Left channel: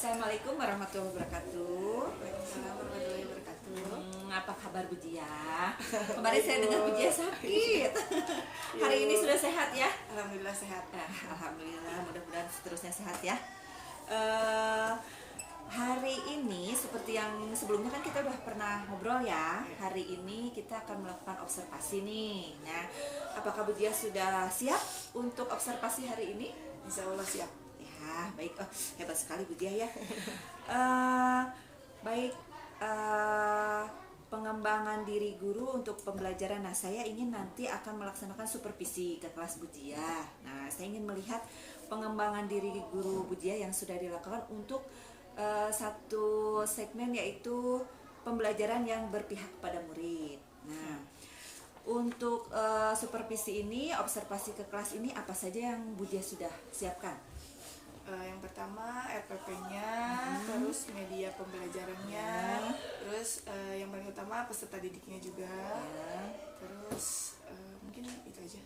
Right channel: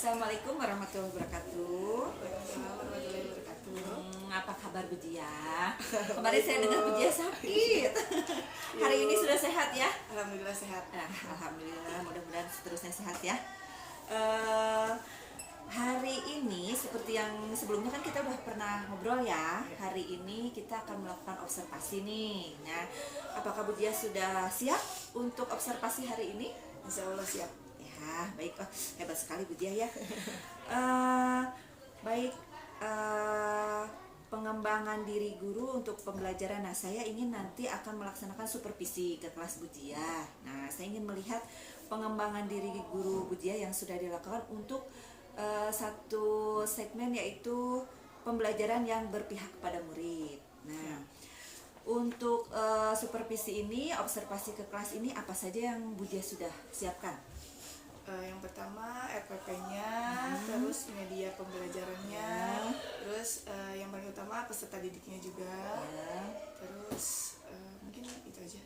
Assalamualaikum warahmatullahi wabarakatuh. Waalaikumsalam warahmatullahi wabarakatuh. Apa kabar Bu Dia? Kemarin saya dengar Bu Dia sakit. Hari ini sudah sehat ya? Alhamdulillah sehat. Alhamdulillah, mudah-mudahan seterusnya sehat ya. Hari ini seperti yang sebelumnya kan kita udah pernah ngobrol ya. Hari ini kita akan melakukan observasi nih. Nah, apakah Bu Dia sudah siap untuk observasi hari ini? Insya Allah siap. Ya, baik. Oh, hebat sekali Bu Dia ya. Baik, pengembangan diri guru untuk pembelajaran. Nah, saya ingin nanti akan melaksanakan supervisi ke kelas Bu Dia. Nah, saya ingin melihat pengembangan diri guru Bu Dia yang sudah dilakukan untuk satu segmen, yaitu pembelajaran yang berpihak kepada murid. Nah, untuk supervisi ini, observasi ke kelas ini, apa saja yang Bu Dia sudah siapkan? Yang pertama RPP-nya, terus media pembelajarannya, terus yang paling utama peserta didiknya juga, terus mungkin itu aja.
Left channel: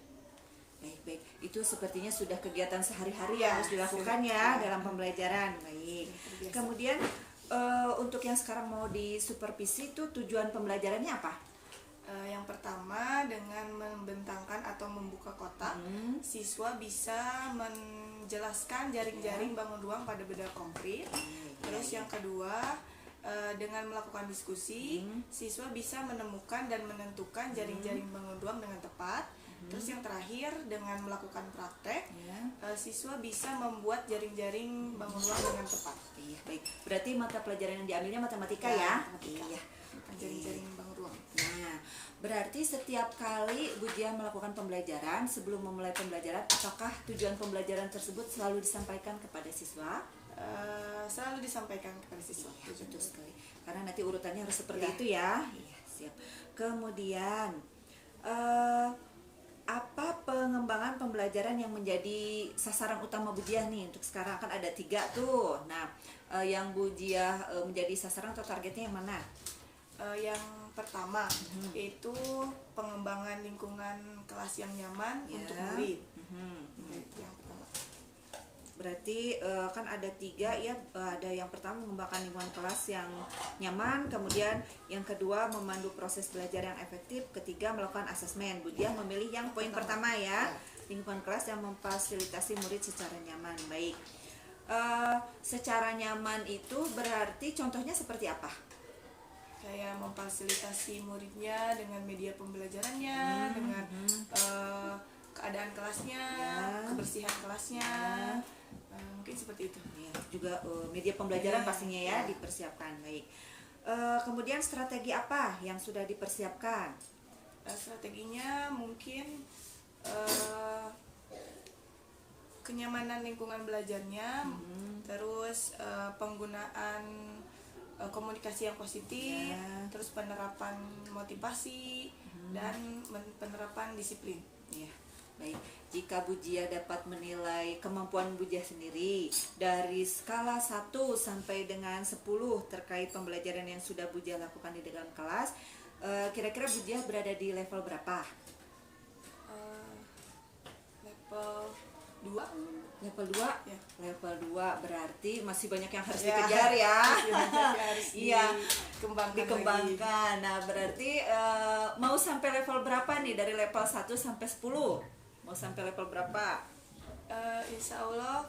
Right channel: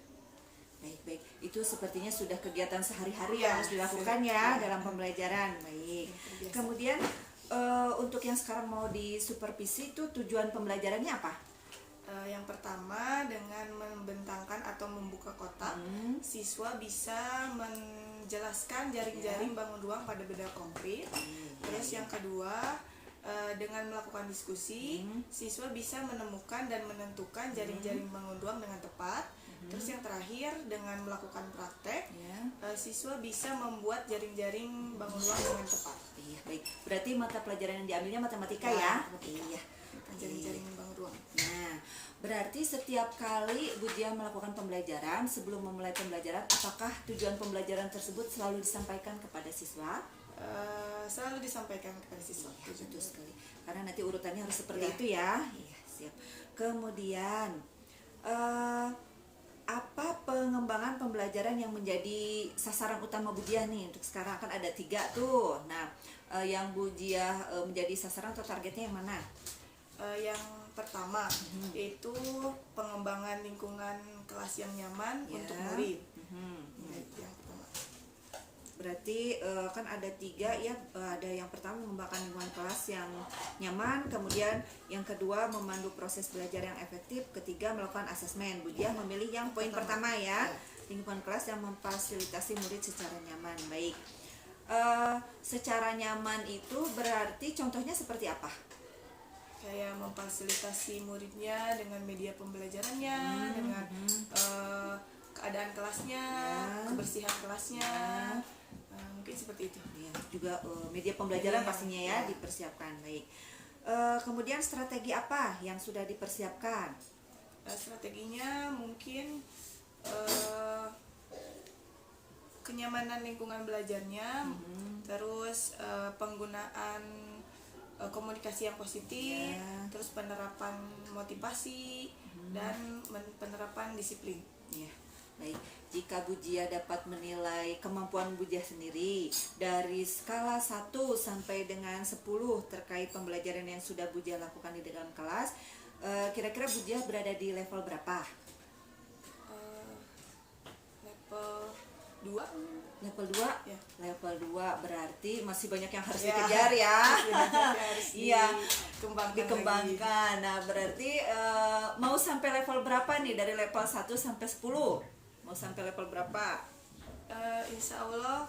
Baik, itu sepertinya sudah kegiatan sehari-hari yang harus dilakukan ya dalam pembelajaran. Baik. Kemudian untuk yang sekarang mau disupervisi itu tujuan pembelajarannya apa? Yang pertama, dengan membentangkan atau membuka kotak, siswa bisa menjelaskan jaring-jaring bangun ruang pada benda konkret. Terus yang kedua, dengan melakukan diskusi, siswa bisa menemukan dan menentukan jaring-jaring bangun ruang dengan tepat. Terus yang terakhir, dengan melakukan praktek, siswa bisa membuat jaring-jaring bangun ruang dengan tepat. Iya, baik. Berarti mata pelajaran yang diambilnya matematika ya? Iya. Jaring-jaring bangun ruang. Nah, berarti setiap kali Bu Dia melakukan pembelajaran, sebelum memulai pembelajaran, apakah tujuan pembelajaran tersebut selalu disampaikan kepada siswa? Selalu disampaikan kepada siswa. Betul sekali. Karena nanti urutannya harus seperti itu ya. Iya, siap. Kemudian apa pengembangan pembelajaran yang menjadi sasaran utama Bu Dia nih untuk sekarang? Kan ada 3 tuh. Nah, yang Bu Dia menjadi sasaran atau targetnya yang mana? Yang pertama yaitu pengembangan lingkungan kelas yang nyaman untuk murid. Yang pertama. Berarti kan ada 3 ya. Ada yang pertama mengembangkan lingkungan kelas yang nyaman, kemudian yang kedua memandu proses belajar yang efektif, ketiga melakukan asesmen. Bu Dia memilih yang poin pertama ya, lingkungan kelas yang memfasilitasi murid secara nyaman. Baik. Secara nyaman itu berarti contohnya seperti apa? Kayak memfasilitasi muridnya dengan media pembelajarannya, dengan keadaan kelasnya, kebersihan kelasnya, mungkin seperti itu. Ya, juga media pembelajaran pastinya ya dipersiapkan. Baik. Kemudian strategi apa yang sudah dipersiapkan? Strateginya mungkin kenyamanan lingkungan belajarnya, terus penggunaan komunikasi yang positif, terus penerapan motivasi dan penerapan disiplin. Ya, baik. Jika Bu Dia dapat menilai kemampuan Bu Dia sendiri dari skala 1 sampai dengan 10 terkait pembelajaran yang sudah Bu Dia lakukan di dalam kelas, kira-kira Bu Dia berada di level berapa? Level 2. Level 2? Ya. Level 2 berarti masih banyak yang harus dikejar ya. Iya, dikembangkan. Nah, berarti mau sampai level berapa nih dari level 1 sampai 10? Mau sampai level berapa? Insya Allah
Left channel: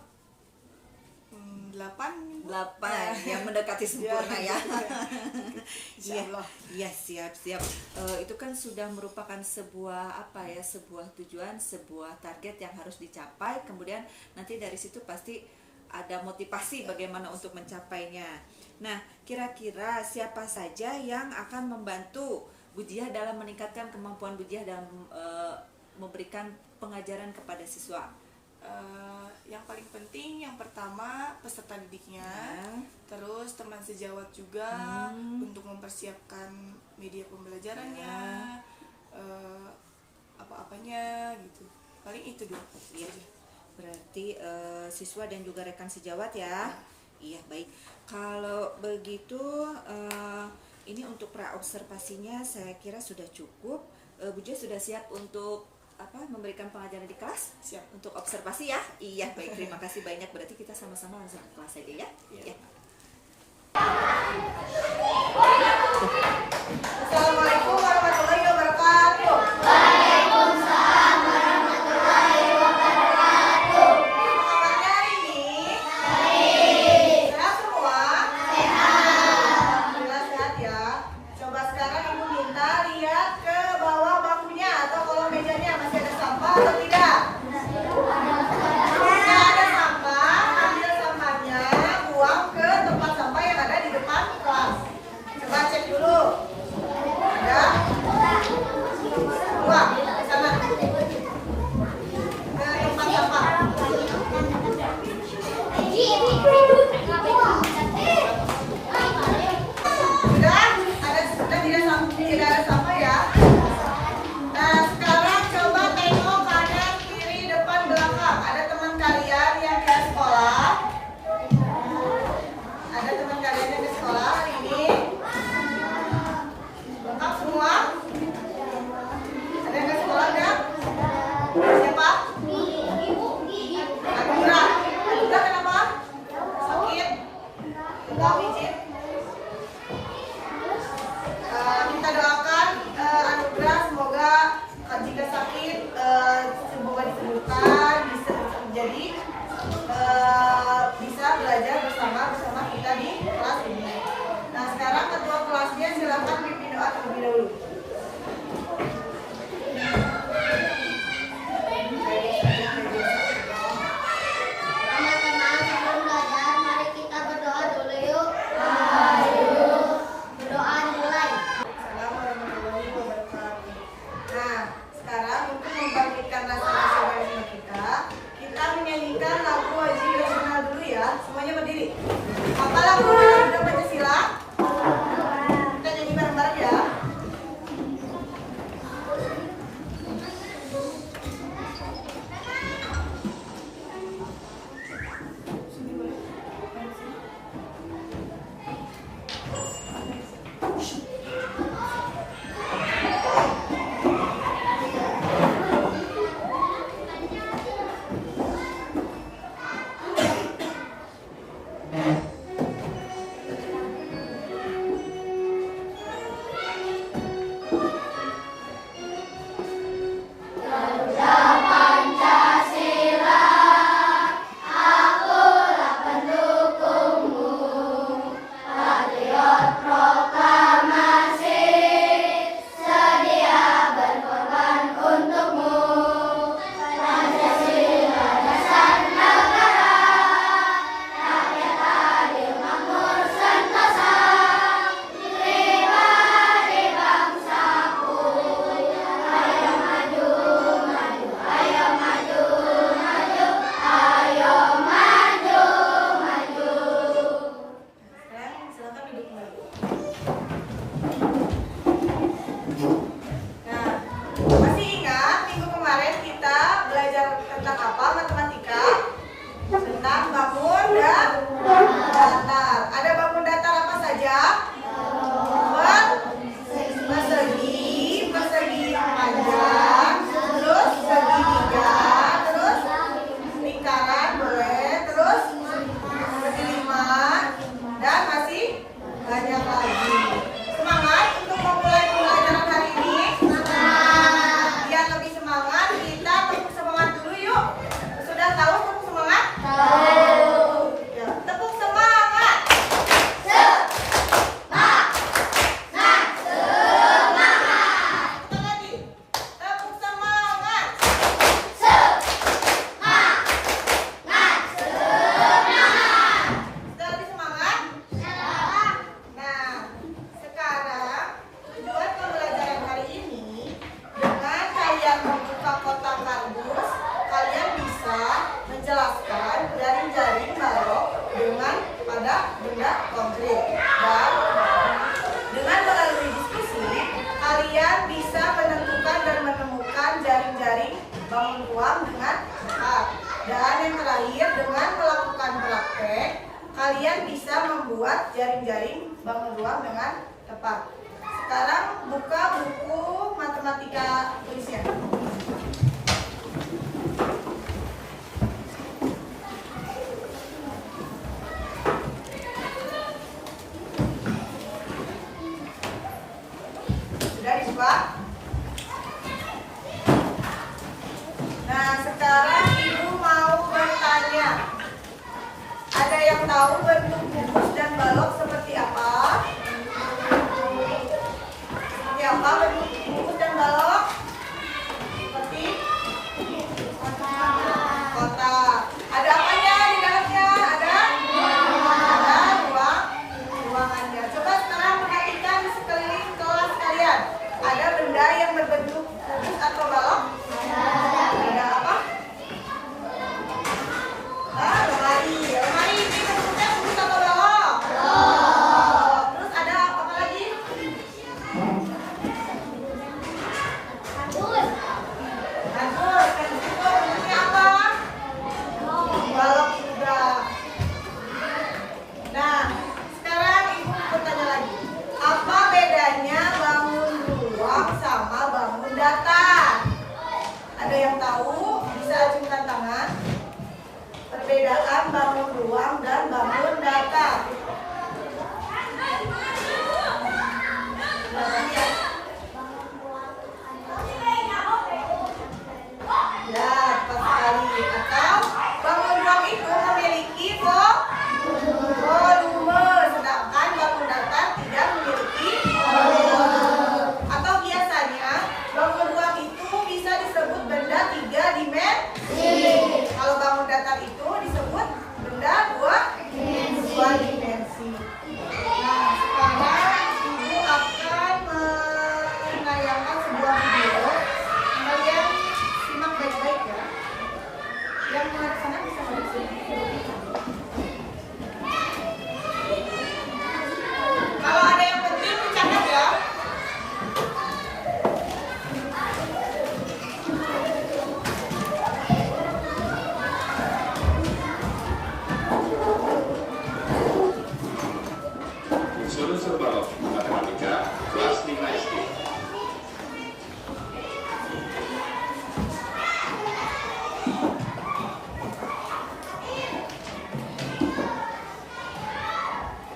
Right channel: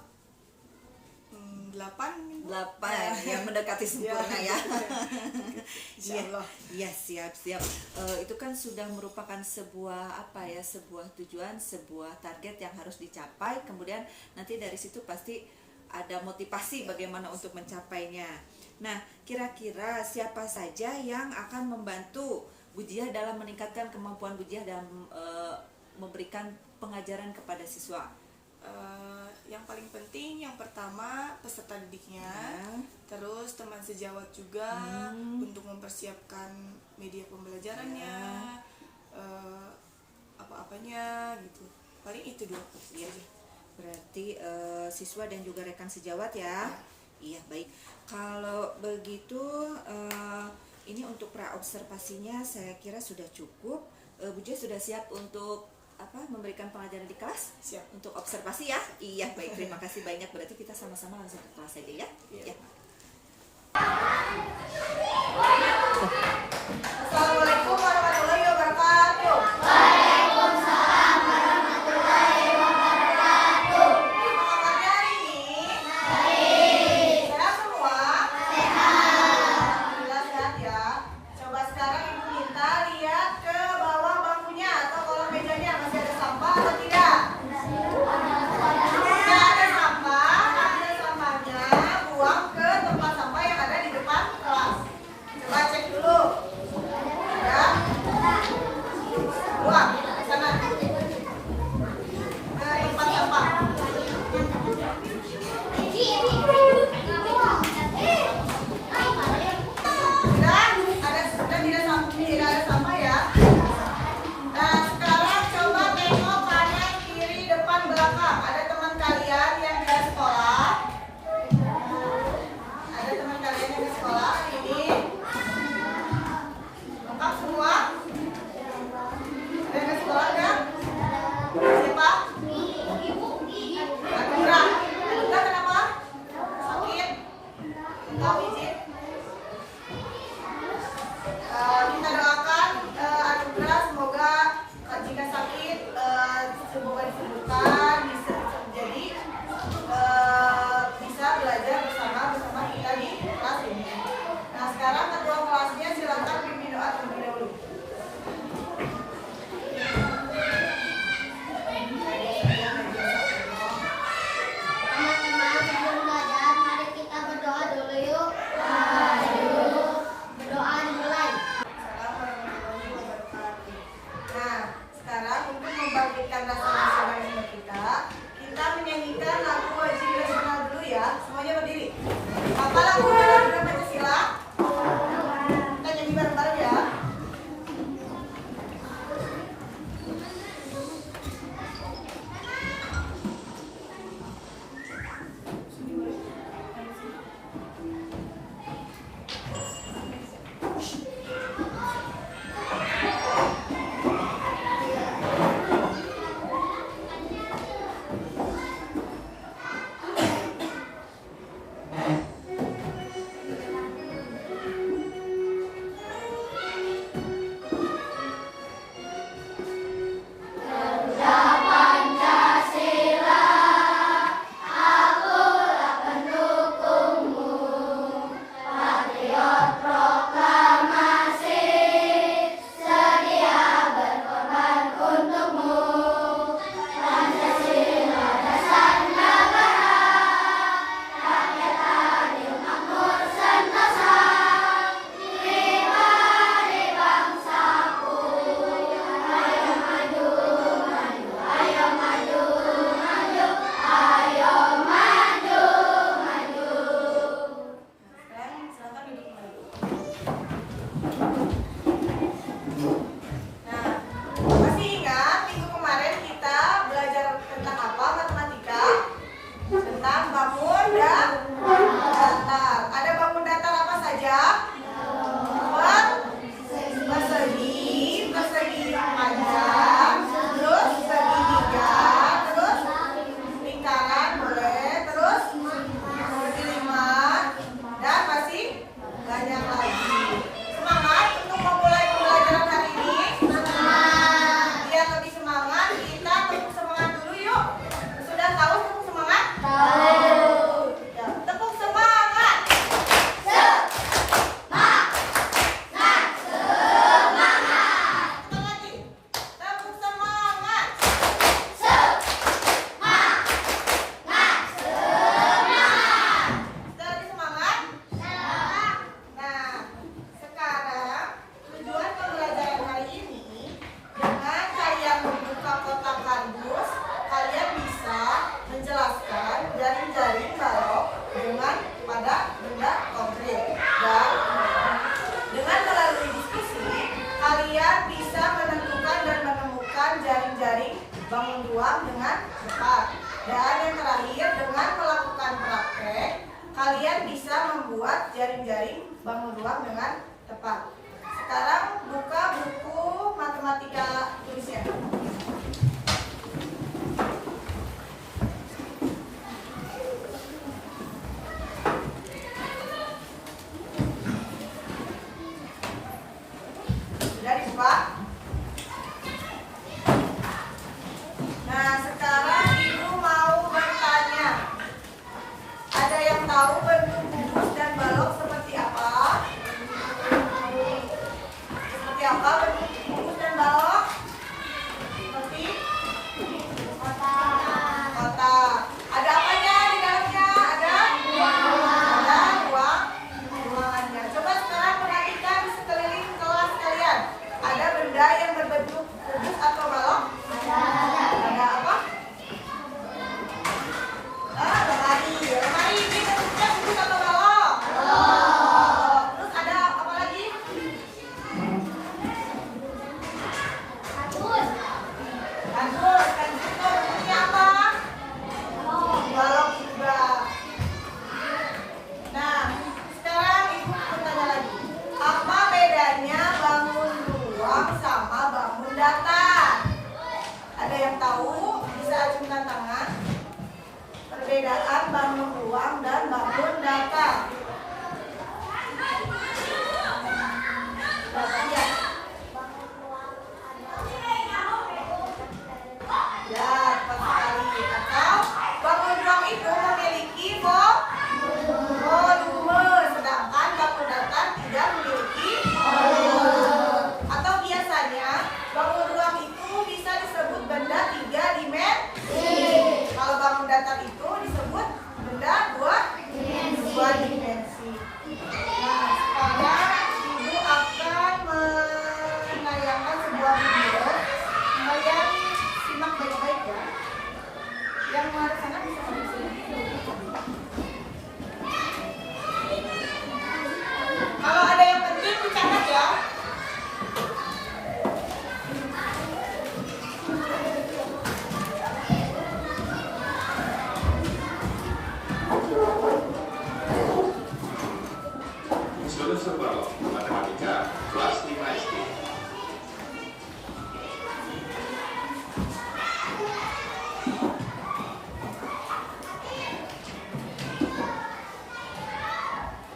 8 yang mendekati sempurna ya. Insya Allah. Iya, siap. Itu kan sudah merupakan sebuah sebuah tujuan, sebuah target yang harus dicapai. Kemudian nanti dari situ pasti ada motivasi bagaimana untuk mencapainya. Nah, kira-kira siapa saja yang akan membantu Bu Dia dalam meningkatkan kemampuan Bu Dia dalam memberikan pengajaran kepada siswa? Yang paling penting yang pertama peserta didiknya, terus teman sejawat juga untuk mempersiapkan media pembelajarannya, apa-apanya gitu. Paling itu dua. Ya. Berarti siswa dan juga rekan sejawat ya. Iya, baik. Kalau begitu ini untuk pra-observasinya saya kira sudah cukup. Bu Dia sudah siap untuk memberikan pengajaran di kelas? Siap. Untuk observasi ya? Iya, baik, terima kasih banyak. Berarti kita sama-sama langsung ke kelas saja ya? Iya. Ya. Assalamualaikum warahmatullahi wabarakatuh. Apa kabarnya hari ini? Sehat semua? Alhamdulillah sehat ya. Coba sekarang ibu minta lihat ke bawah bangkunya atau kolong mejanya, masih ada sampah atau tidak? Jika ada sampah, ambil sampahnya, buang ke tempat sampah yang ada di depan kelas. Coba cek dulu. Ada? Buang ke sana. Ke tempat sampah. Tidak ada sampah ya. Nah, sekarang coba tengok kanan, kiri, depan, belakang. Ada teman kalian yang tidak sekolah? Ada teman kalian yang di sekolah hari ini? Lengkap semua? Ada yang di sekolah enggak? Siapa? Anugrah. Anugrah kenapa? Sakit? Tahu izin? Kita doakan Anugrah semoga jika sakit semoga disembuhkan, bisa belajar bersama kita di kelas ini. Nah, sekarang ketua kelasnya silakan pimpin doa terlebih dahulu. Teman-teman, sebelum belajar, mari kita berdoa dulu yuk. Berdoa dimulai. Assalamualaikum warahmatullahi wabarakatuh. Nah, sekarang untuk membangkitkan rasa nasionalisme kita menyanyikan lagu wajib nasional dulu ya. Semuanya berdiri. Apa lagu Pancasila? Kita nyanyi bareng-bareng ya. jaring-jaring bangun ruang dengan tepat. Dan yang terakhir, dengan melakukan praktek, kalian bisa membuat jaring-jaring bangun ruang dengan tepat. Sekarang buka buku matematika tulisnya. siswa? Nah, sekarang Ibu mau bertanya. Ada yang tahu bentuk gugus dan balok seperti apa? Seperti apa bentuk gugus dan balok? Seperti kotak. Ada apanya di dalamnya? Ada ruangannya. Coba sekarang perhatikan di sekeliling kelas kalian. Ada benda yang berbentuk kubus atau balok? Ada apa? Lemari. Lemari ini bentuknya kubus atau balok? Terus ada apa lagi? Kardus. Kardus itu bentuknya apa? Balok juga. Nah, sekarang Ibu bertanya lagi. Apa bedanya bangun ruang sama bangun datar? Ada yang tahu? Bisa acungkan tangan. Perbedaan bangun ruang dan bangun datar. Silakan ya. Ya, tepat sekali. Atau bangun ruang itu memiliki volume, sedangkan bangun datar tidak memiliki volume. Atau biasanya bangun ruang itu bisa disebut benda 3 dimensi. Kalau bangun datar itu disebut benda 2 dimensi. Nah, sekarang Ibu akan menayangkan sebuah video. Kalian simak baik-baik ya. Yang menghadap sana bisa menghadap sini. Kalau ada yang penting dicatat ya. Unsur-unsur balok matematika kelas 5 SD.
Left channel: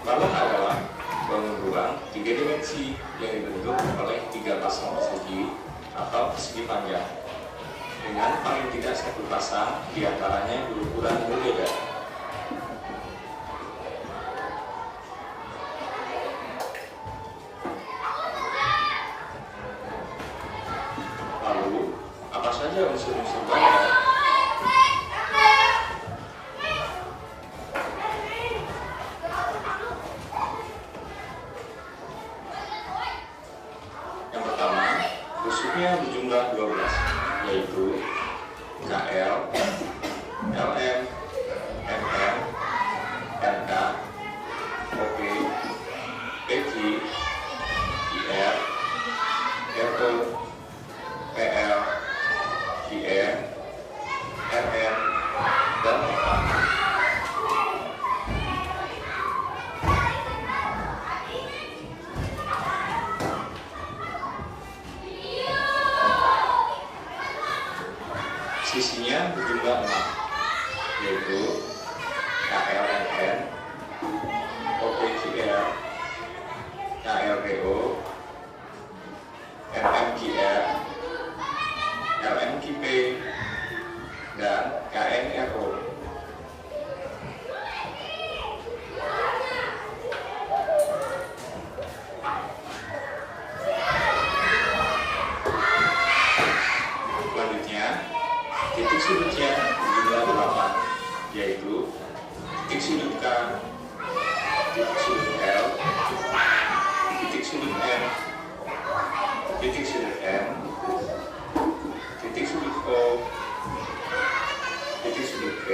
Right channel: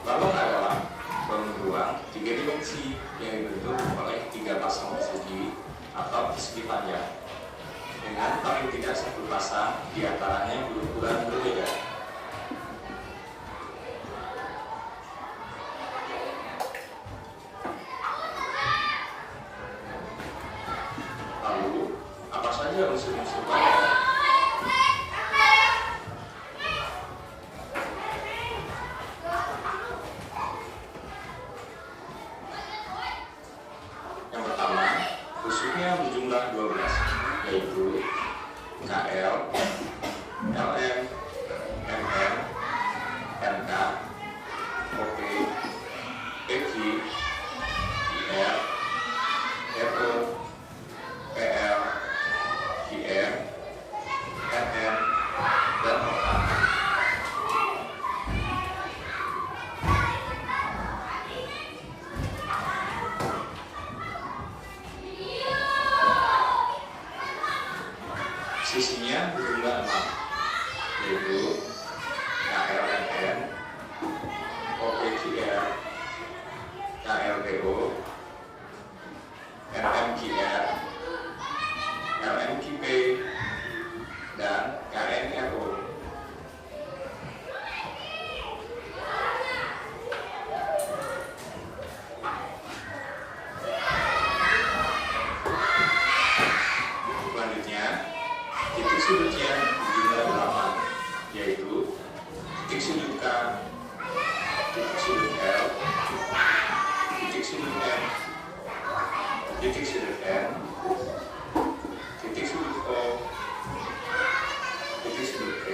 Balok adalah bangun ruang 3 dimensi yang dibentuk oleh 3 pasang persegi atau persegi panjang dengan paling tidak 1 pasang diantaranya berukuran berbeda. Lalu, apa saja unsur-unsur balok? Yang pertama, unsurnya berjumlah 12, yaitu KL, LM, MM, NK, OP, PQ, IR, RE, PL, IM, RN, dan OA. Sisinya berjumlah 6, yaitu KLMN, OPQR, KLPO, NMQR, LMQP, dan KNRO. Selanjutnya, titik sudutnya berjumlah 8, yaitu titik sudut K, titik sudut L, titik sudut M, titik sudut N, titik sudut O, titik sudut P,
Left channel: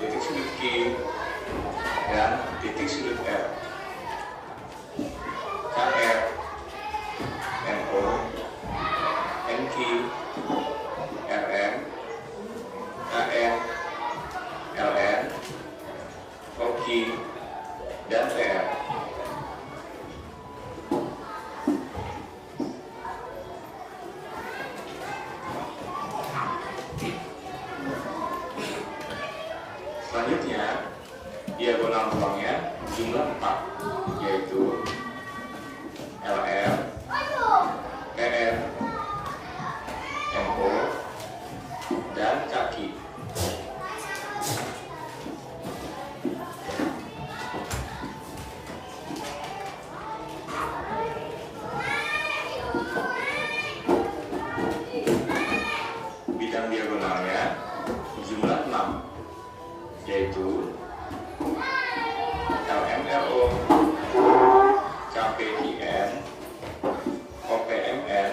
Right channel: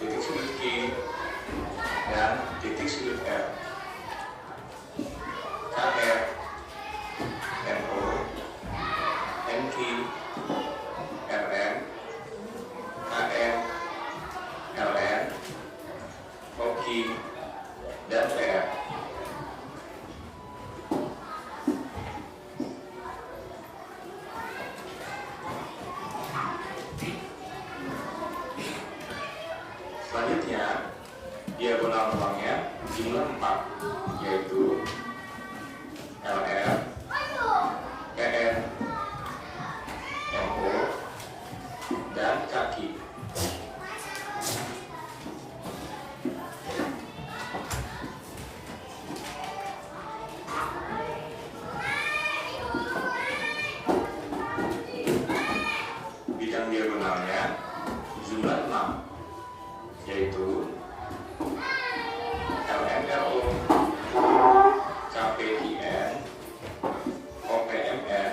titik sudut Q, dan titik sudut R. KR, NO, NQ, RM, KN, LN, OQ, dan PR. Bidang diagonalnya berjumlah 6, yaitu LMLO, KPIN, OPMN,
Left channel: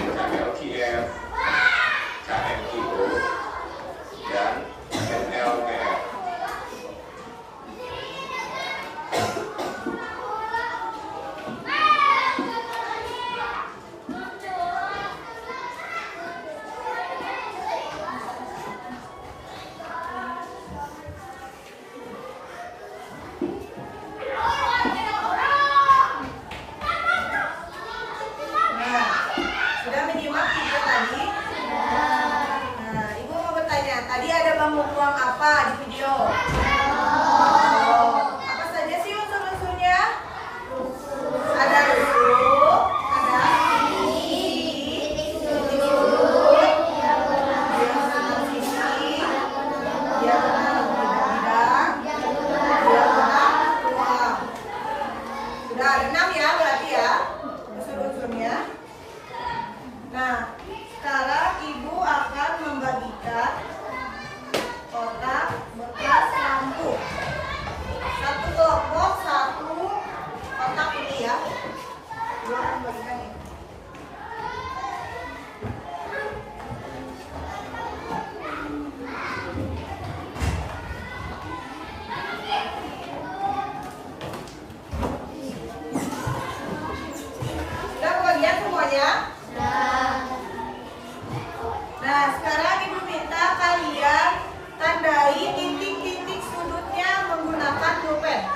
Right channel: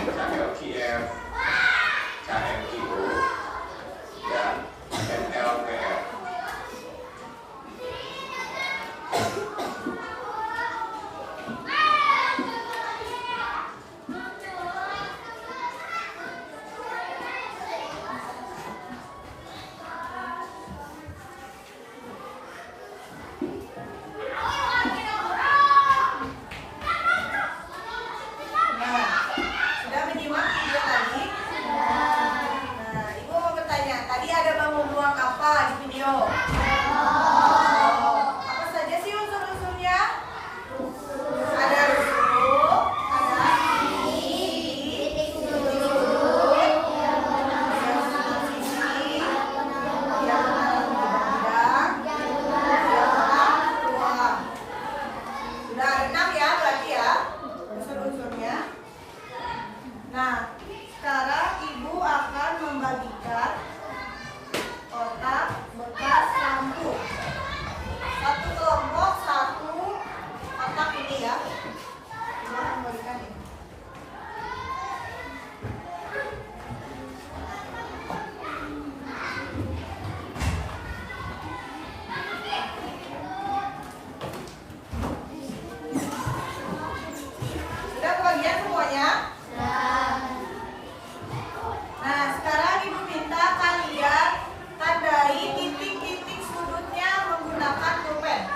KLKF, KMTO, dan MLPR. Nah, sudah menyimak video tadi? Nah, Ibu mau bertanya, tadi ada bangun ruang apa di video? Oh, apa saja sih unsur-unsurnya? Ada rusuk, ada titik sudut, diagonal sisi, diagonal bidang, diagonal ruang. Sudah ada 6 ya berarti ya unsur-unsurnya. Nah, sekarang Ibu akan membagikan kotak bekas lampu. Satu kelompok, satu kotak ini ya. Ibu akan membagikan ini. Sudah kebagian semuanya? Nah, sekarang Ibu minta kalian tandai titik-titik sudutnya menggunakan pulpen.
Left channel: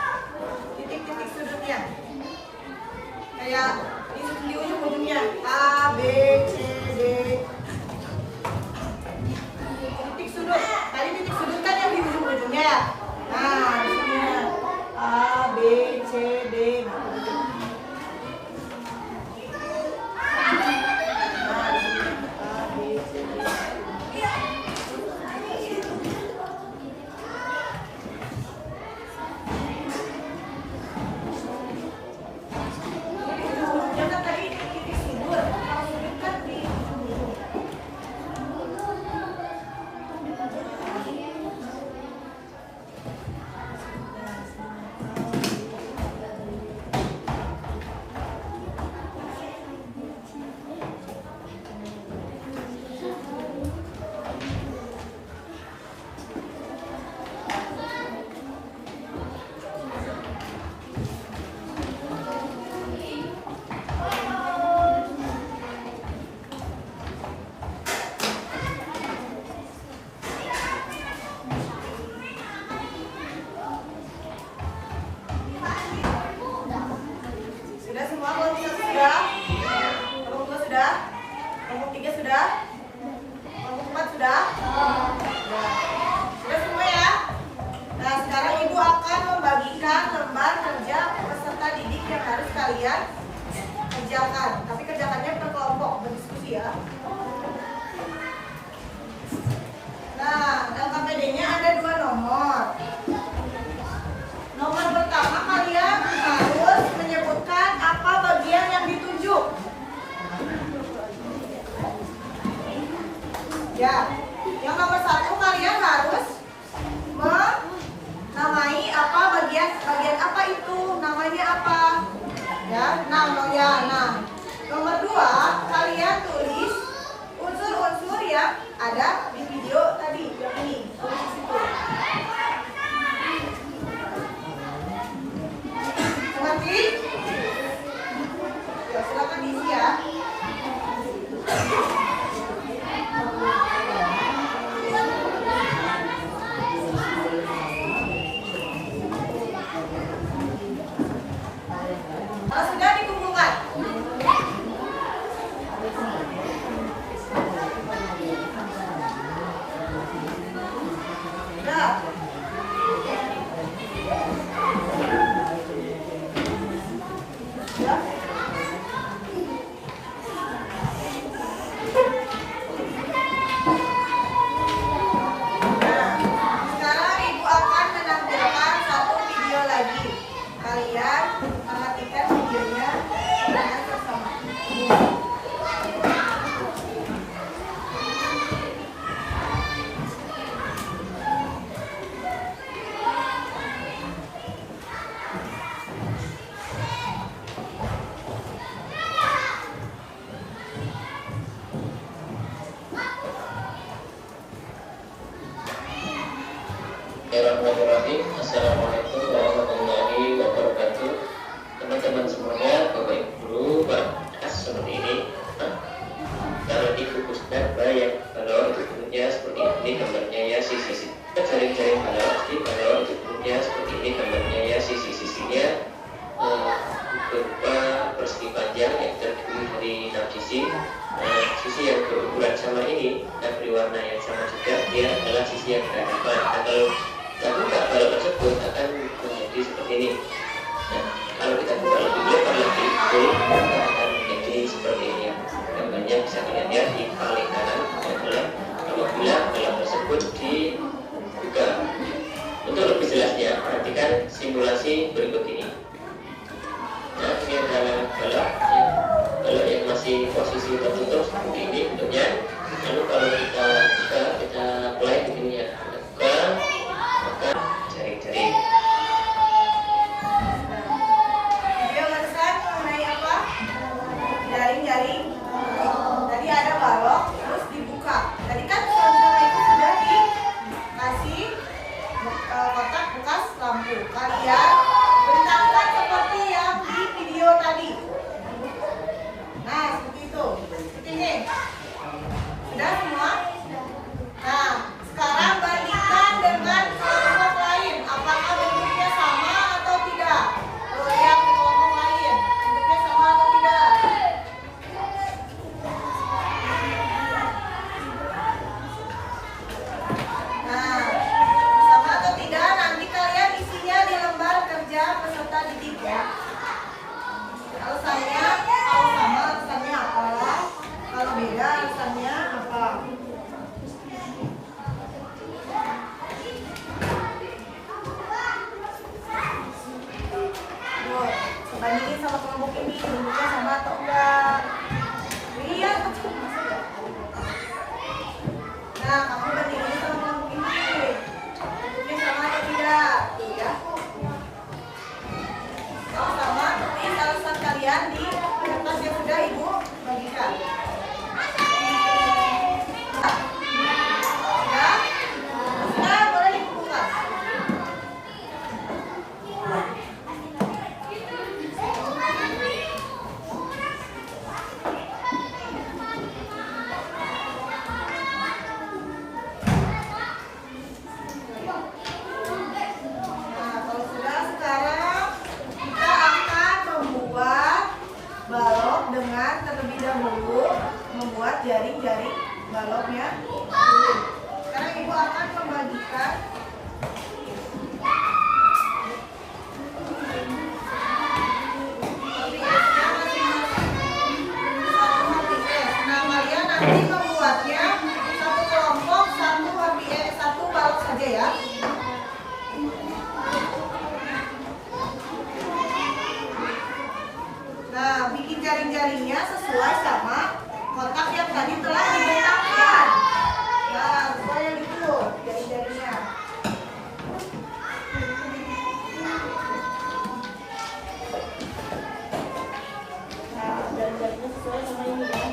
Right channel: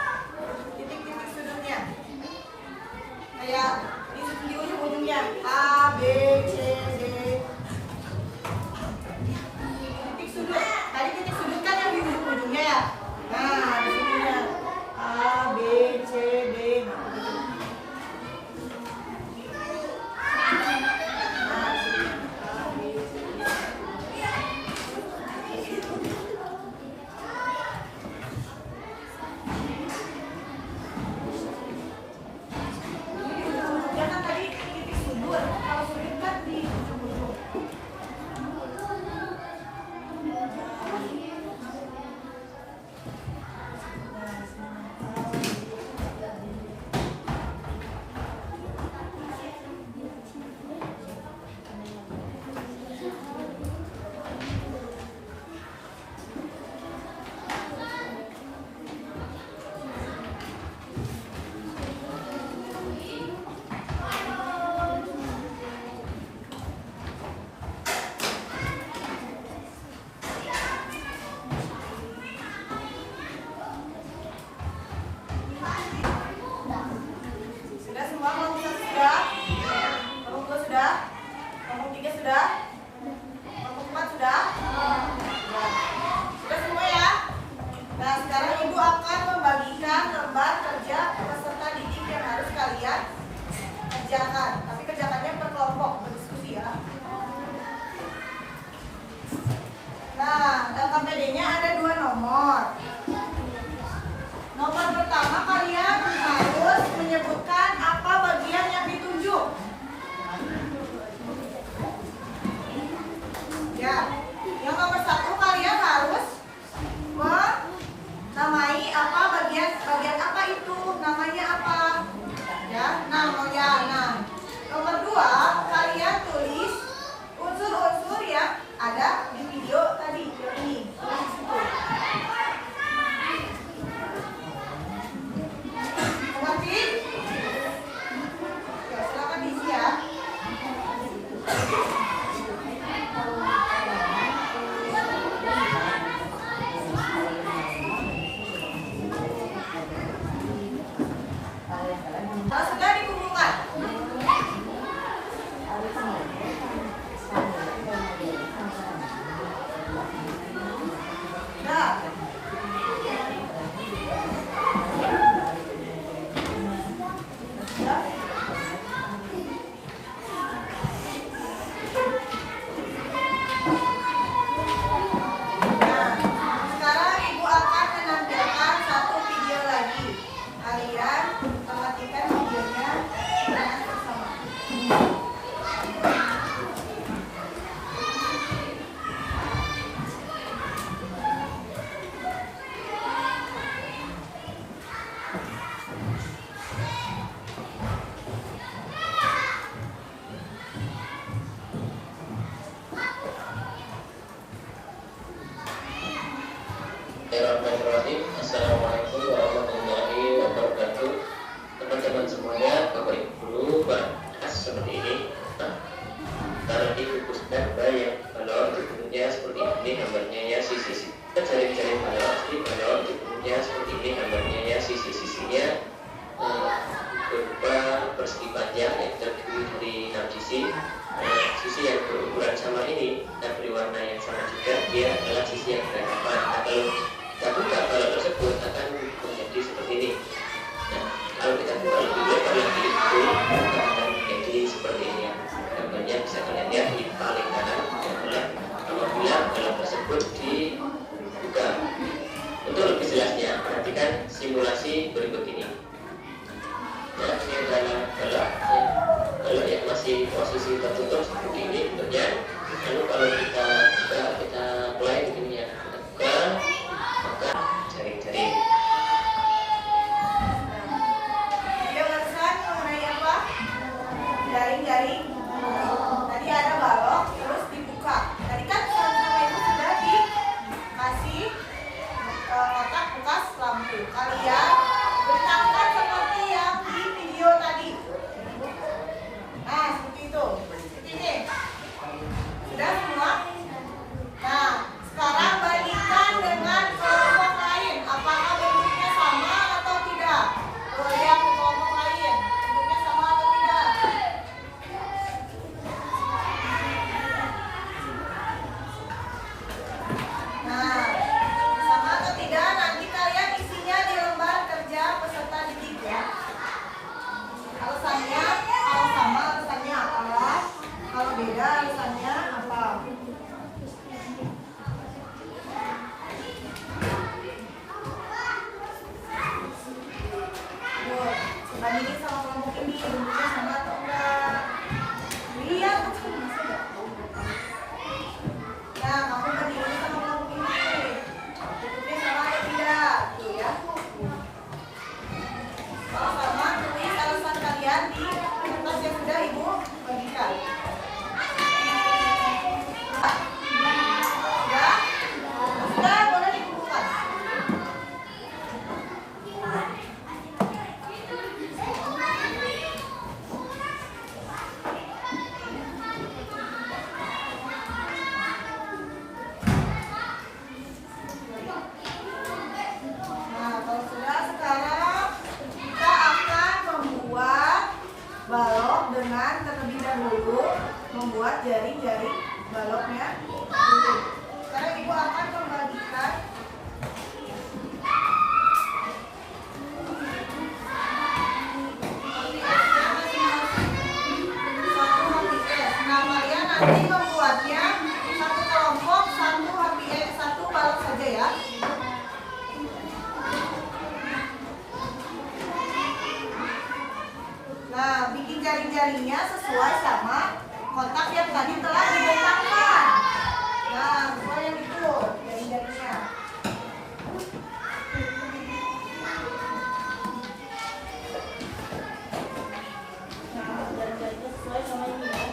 Titik-titik sudutnya. Kayak di ujung-ujungnya A, B, C, D. Titik sudut. Tadi titik sudut kan yang di ujung-ujungnya. Nah, di sininya A, B, C, D. Nah, begitu. Sudah semua kelompok 1 sudah? Kelompok 2 sudah? Kelompok 3 sudah? Kelompok 4 sudah? Sudah. Sudah semua ya? Nah, sekarang Ibu akan membagikan lembar kerja peserta didik yang harus kalian kerjakan. Tapi kerjakannya per kelompok, berdiskusi ya. Nah, LKPD-nya ada 2 nomor. Nomor pertama kalian harus menyebutkan apa bagian yang ditunjuk. Ya, yang nomor 1 kalian harus menamai apa bagian apa itu, namanya apa. Ya, nah. Nomor 2 kalian tulis unsur-unsur yang ada di video tadi yang ini. Tulis di situ. Mengerti? Ya, silakan diisi ya. Kalau sudah dikumpulkan. membuka persegi panjang yang terdiri dari 6 sisi. Sisi yang berukuran sama ini dan berwarna yang sama juga, dia adalah sisi yang berhadapan. Nah, kalau terbuka balok tersebut akan menjadi seperti ini. Nah, kalau kita buka lebih lebar lagi, itu akan menjadi seperti ini ya. Gambarnya bisa kalian lihat di paling kanan adalah apabila balok tersebut dibuka. Untuk lebih jelasnya, perhatikan simulasi berikut ini. Nah, ini adalah balok yang masih posisi tertutup seperti ini bentuknya. Lalu kalau kita buka, kita mulai begini ya. Kita buka, maka jaring-jaring. Video barusan mengenai apa? Jaring-jaring. Tadi ada balok, terus dibuka. Tadi kan sama-sama itu sudah dikasih kotak bekas lampu. Kalian bentangkan seperti yang di video tadi. Nah, seperti itu. Seperti ini. Sudah semua? Nah, sekarang bandingkan dengan kelompok lain. Apakah bentuknya sama atau tidak? Lihat ke kelompok lain. Bentuknya sama atau tidak? Nah, sama atau tidak? Nanti kalian isinya di lembar kerja peserta didik ya. Alasannya, kalau sama alasannya apa? Kalau beda alasannya apa? Yuk, bandingin sama kelompok ini, bentuknya sama atau enggak? Iya, kecil masa enggak? Nah, kamu bandingin sama kelompok ini, bentuknya sama atau tidak? Tuh ya. Kalau sama, tulis alasan kalian di kertas yang sudah ibu bagikan. Ya, sudah boleh dibuka. Nah, kalau sudah sekarang kita akan membuat balok dengan terlebih dahulu membuat jaring-jaring baloknya. Sekarang ibu akan membagikan nah, kalian nanti membuatnya satu kelompok, satu balok saja ya. Nah, bikin jaring-jaringnya sesuai sama kotak yang tadi telah dibentangkan. Nah, sesuai yang itu jaring-jaringnya. Nah, jaring-jaringnya sesuai sama ini ya.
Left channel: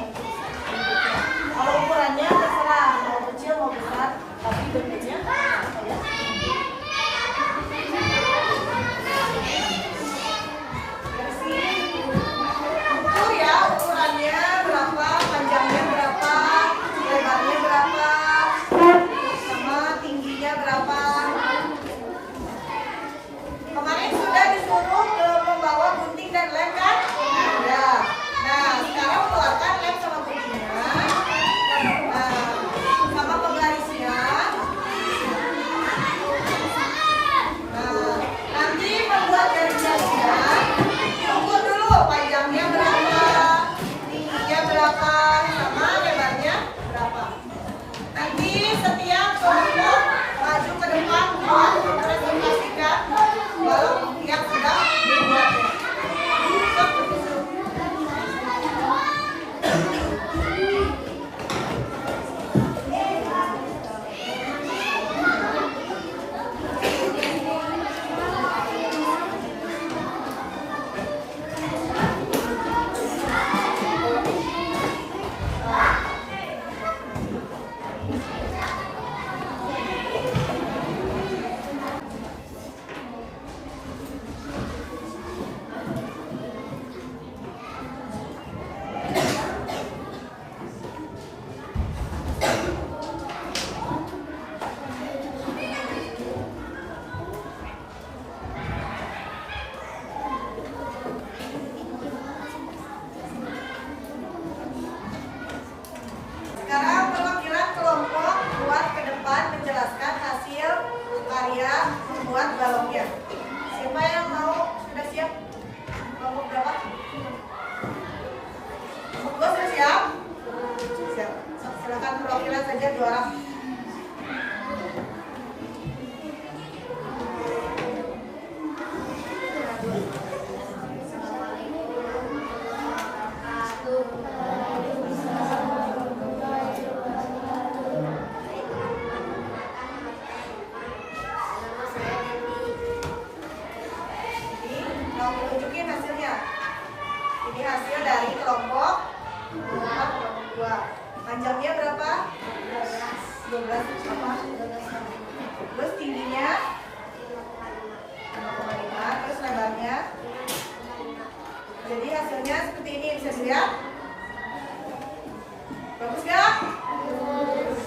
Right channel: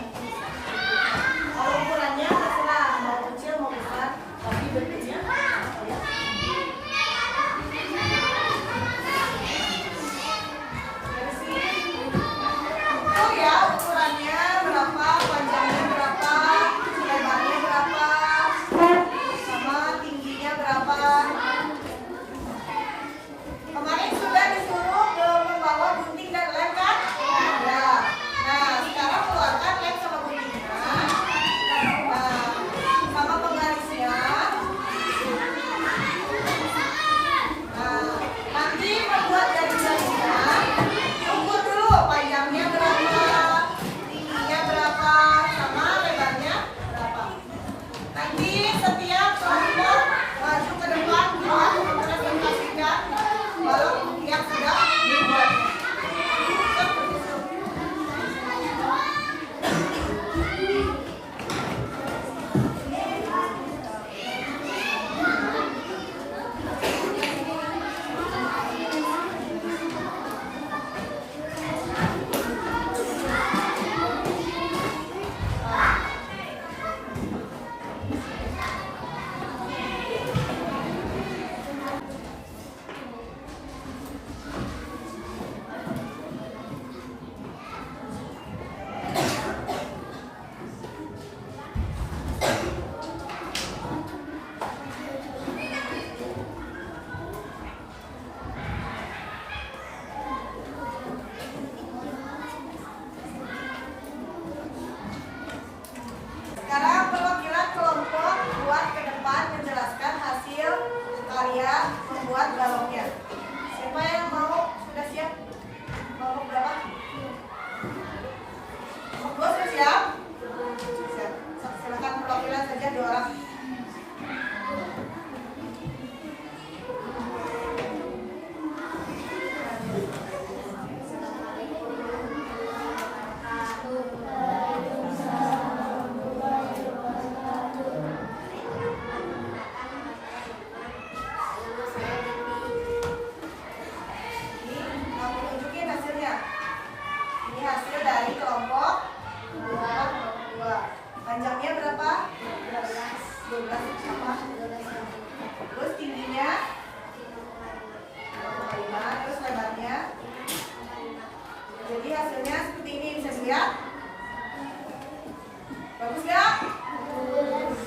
Kalau ukurannya terserah mau kecil mau besar, tapi bentuknya sama ya. Dari sini ukur ya, ukurannya berapa, panjangnya berapa, lebarnya berapa, sama tingginya berapa. Kemarin sudah disuruh membawa gunting dan lem kan? Ya. Nah, sekarang keluarkan lem sama guntingnya. Nah, sama penggarisnya. Nah, nanti membuat jaring-jaringnya diukur dulu panjangnya berapa, tingginya berapa, sama lebarnya berapa. Nanti setiap kelompok maju ke depan buat mempresentasikan balok yang sudah dibuatnya. hasil dari kelompok 2. Panjangnya berapa? 12 apa? Terus tingginya 5, terus lebarnya. Jadi hasilnya seperti ini, bisa dilihat. Bagus gak? Bagus.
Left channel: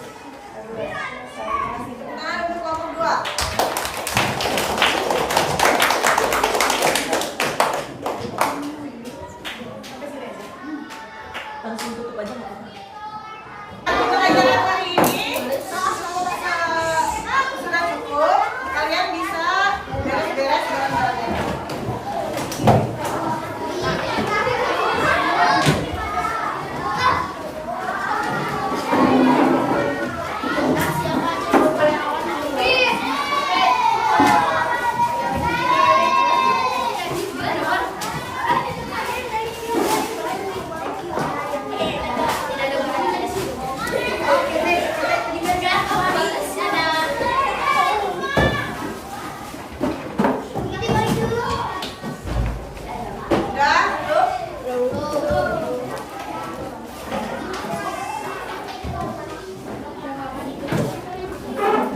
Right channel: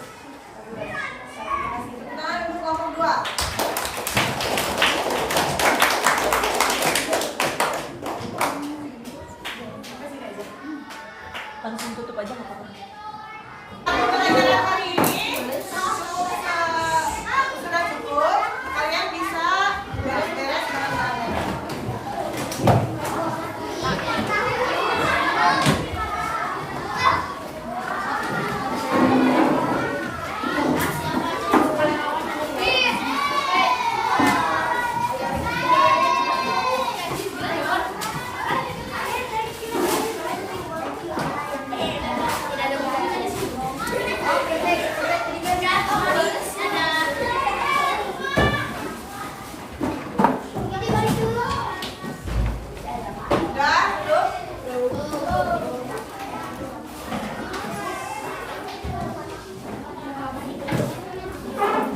Saya kasih tepuk tangan untuk kelompok 2. Sampai sini aja. Langsung tutup aja. Pelajaran hari ini sudah cukup. Kalian bisa beres-beres jalan-jalannya. Udah, cukup.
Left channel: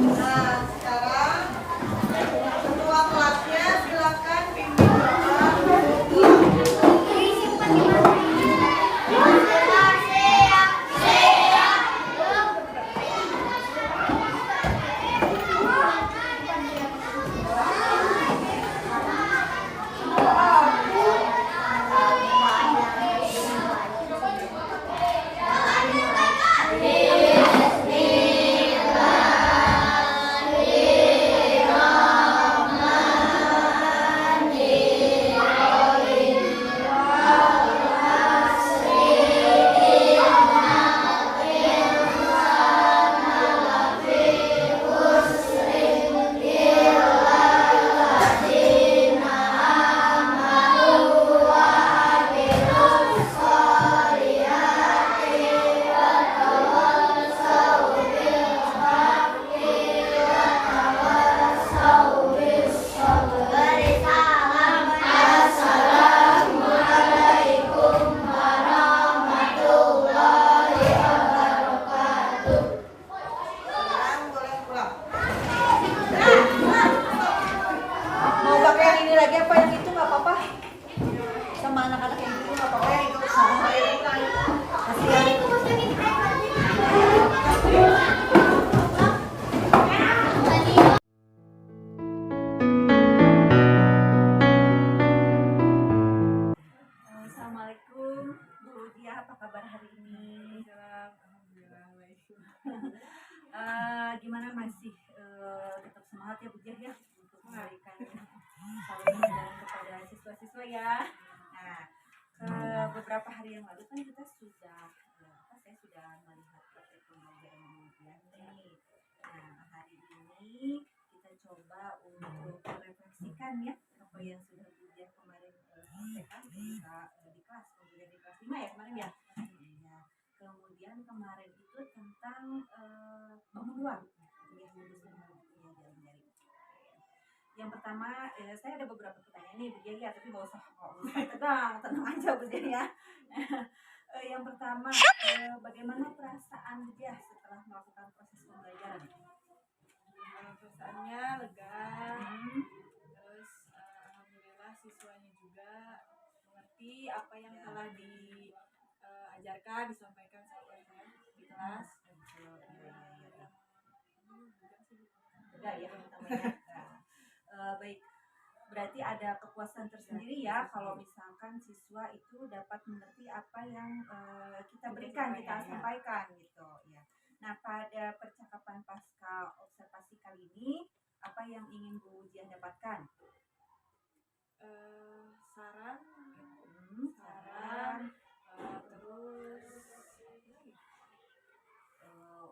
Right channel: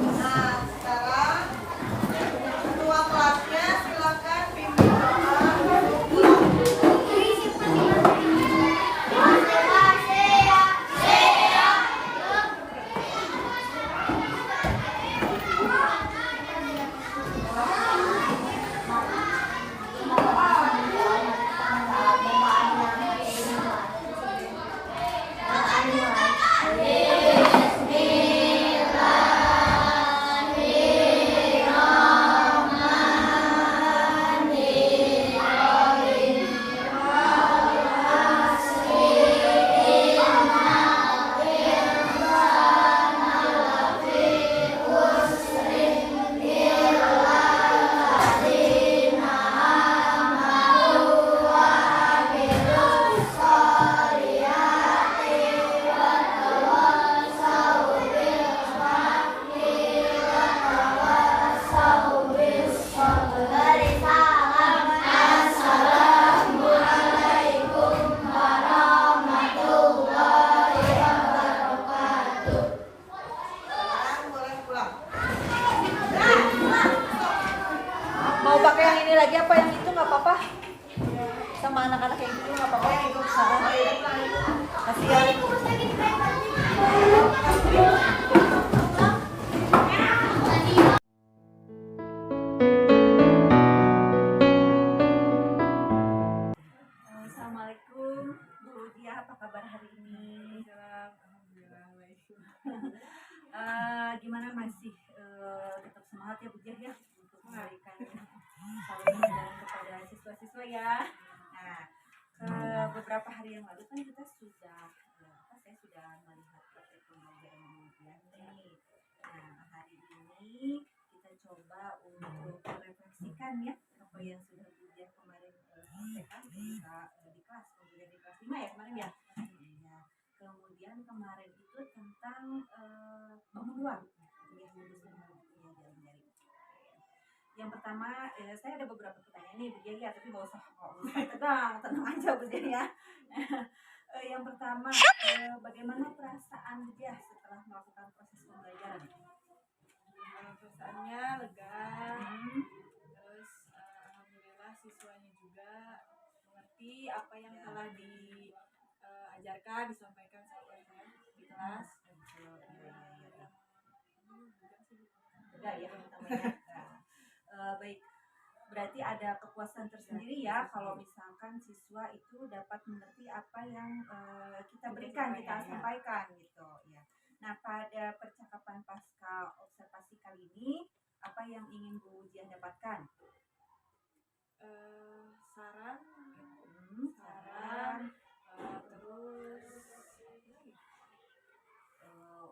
Nah, sekarang ketua kelasnya silakan pimpin doa. Sekarang boleh pulang. Mau pakai yang ini lagi apa yang itu nggak apa-apa. Sama anak-anak yang itu nggak apa-apa. Yang itu sama yang itu lah itu. Kasih ya. Assalamualaikum Bu Dia, apa kabar hari ini? Gimana masih tetap semangat ya Bu Dia ya untuk memberikan saluran dan kepada siswa-siswa ya. Nah, beberapa hari yang lalu kan kita sudah saya sudah melihat praktek pembelajaran kemudian nih. Nah, hari ini kita coba untuk merefleksikan ya apa yang sudah Bu Dia kemarin sampaikan ketika di kelas, kemudian di kelas 5 ya kemarin ya. Ya. Kemudian kemarin itu tentang bangun ruang ya, jaring-jaring. Yang pertama saya ada beberapa pertanyaan nih Bu Dia ya, tapi nggak usah tenang aja Bu Dia ya. Yang pertama, bagaimana perasaan Bu Dia setelah melakukan proses pembelajaran? Perasaannya lega. Terus alhamdulillah siswanya juga mengerti apa yang telah diajarkan, disampaikan sama saya di kelas. Lega ya pertamanya. Baik, berarti ada kepuasan tersendiri ya kalau misalkan siswa itu dapat mengerti apa yang kita berikan, kita sampaikan gitu ya. Nah, pada percakapan pasca observasi kali ini apa yang ingin Bu Jian dapatkan? Saran, terus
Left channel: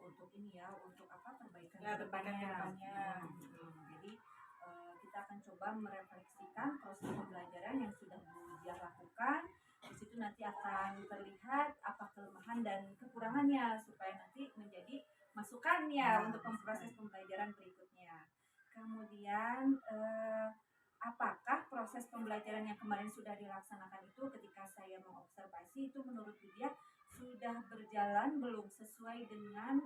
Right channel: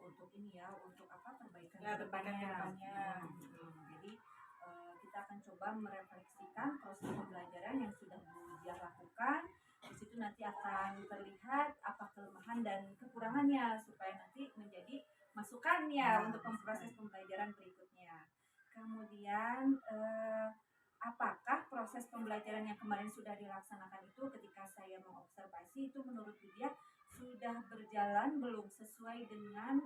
untuk ini ya, untuk apa perbaikan ya, perbaikan kedepannya. Jadi kita akan coba merefleksikan proses pembelajaran yang sudah Bu Jian lakukan. Di situ nanti akan terlihat apa kelemahan dan kekurangannya supaya nanti menjadi masukannya untuk proses pembelajaran berikutnya. Kemudian apakah proses pembelajaran yang kemarin sudah dilaksanakan itu ketika saya mengobservasi itu menurut dia sudah berjalan belum sesuai dengan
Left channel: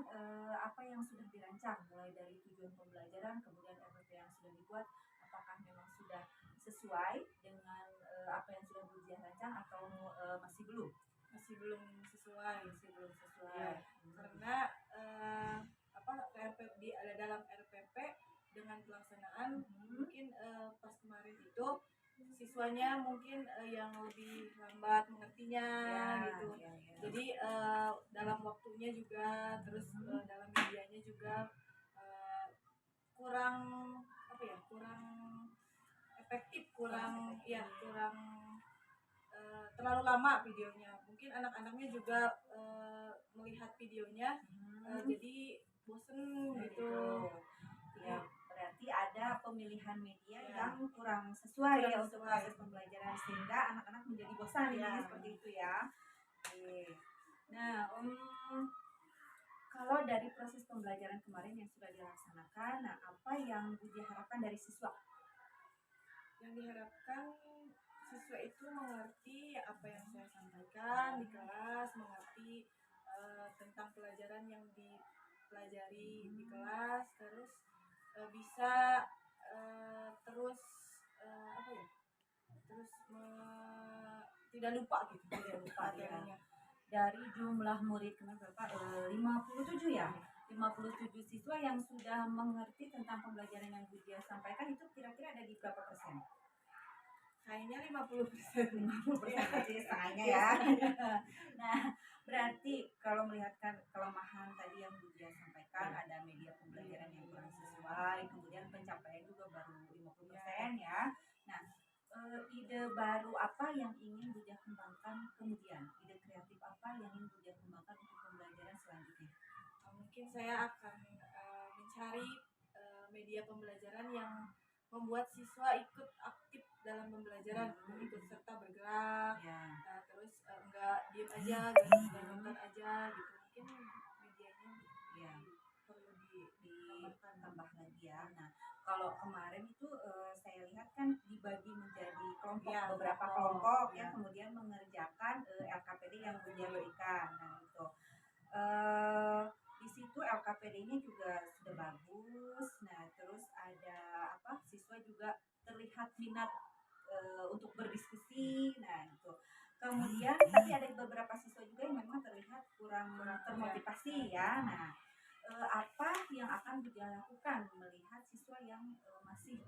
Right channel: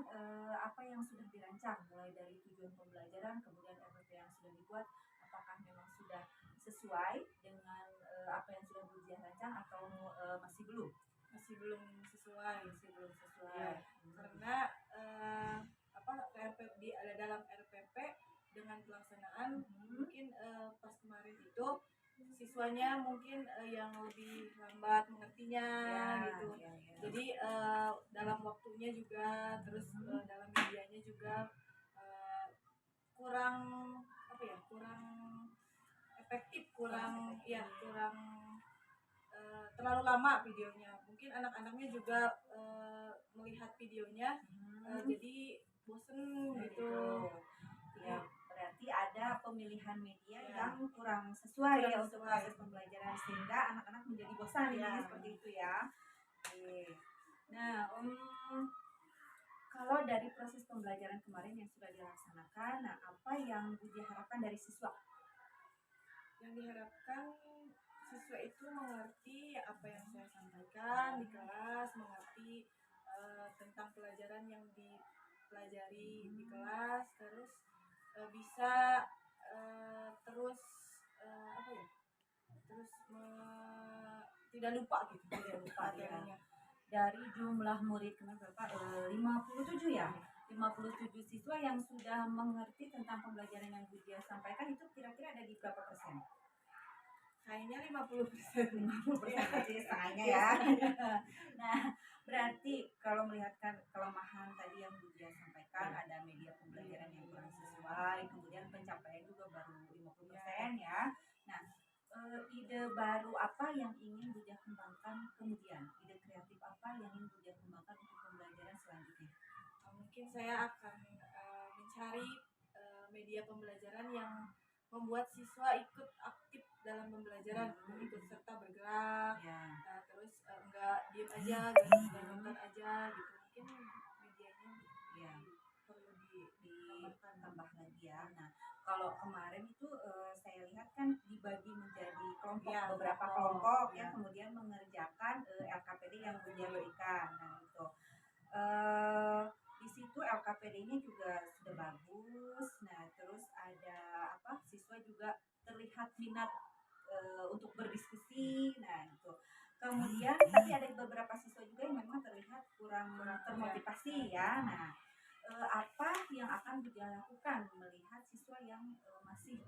apa yang sudah dirancang, mulai dari tujuan pembelajaran kemudian RPP yang sudah dibuat, apakah memang sudah sesuai dengan apa yang sudah Bu Diah rancang atau masih belum? Masih belum sesuai. Ya, Karena dalam RPP dengan pelaksanaan mungkin pas kemarin itu siswanya mungkin yang lebih lambat mengertinya gitu. ya. Jadi dalam waktunya juga, terus dalam medianya juga kurang efektif, kurang terlalu lama videonya. Mungkin anak-anaknya juga melihat videonya jadi bosen gitu. Ya, berarti ada pemilihan media yang kurang sesuai ya untuk proses pembelajaran sehingga anak-anak menjadi bosan ya, seperti itu ya. Oke. Nah, kalau dari proses pembelajaran kemarin yang sudah dilaksanakan, nah apa yang Bu Diah harapkan dari siswa? Yang diharapkan siswa itu mengerti apa yang saya sampaikan di kelas, mengerti tentang pelajaran yang dipelajari di kelas, terus bisa terus tidak lupa materinya. Dari jumlah murid kemarin berapa? 57 ya? 57 siswa yang sudah mengerti tentang pembelajaran yang Bu Diah sampaikan itu kira-kira ada di berapa persen? Kayaknya 50%. 50% berarti setengahnya ya. Nah, berarti kalau melihat kelemahan tadi yang Bu Diah sampaikan, ada media pembelajaran yang kurang sesuai, kemudian pencapaian juga baru 50% ya. Nah, ide baru apa yang ingin Bu Diah kembangkan kemudian? Ide kreatif apa yang ingin Bu Diah kembangkan untuk pembelajaran selanjutnya? Mungkin saya akan mencari media pembelajaran yang membuat siswa ikut aktif dalam pembelajaran, ikut serta bergerak, terus enggak diem aja, enggak nonton aja gitu. Mungkin medianya perlu ditambah lagi ya. Nah, kalau kemarin itu saya lihat kan dibagi menjadi kelompok, beberapa kelompok yang kemudian mengerjakan LKPD yang Bu Diah berikan. Nah, itu di situ LKPD-nya juga sudah bagus. Nah, terus ada siswa juga terlihat minat untuk berdiskusi. Nah, itu. Kemudian tapi ada beberapa siswa juga yang memang terlihat kurang termotivasi ya. Nah, apa yang akan Bu Diah lakukan melihat siswa yang masih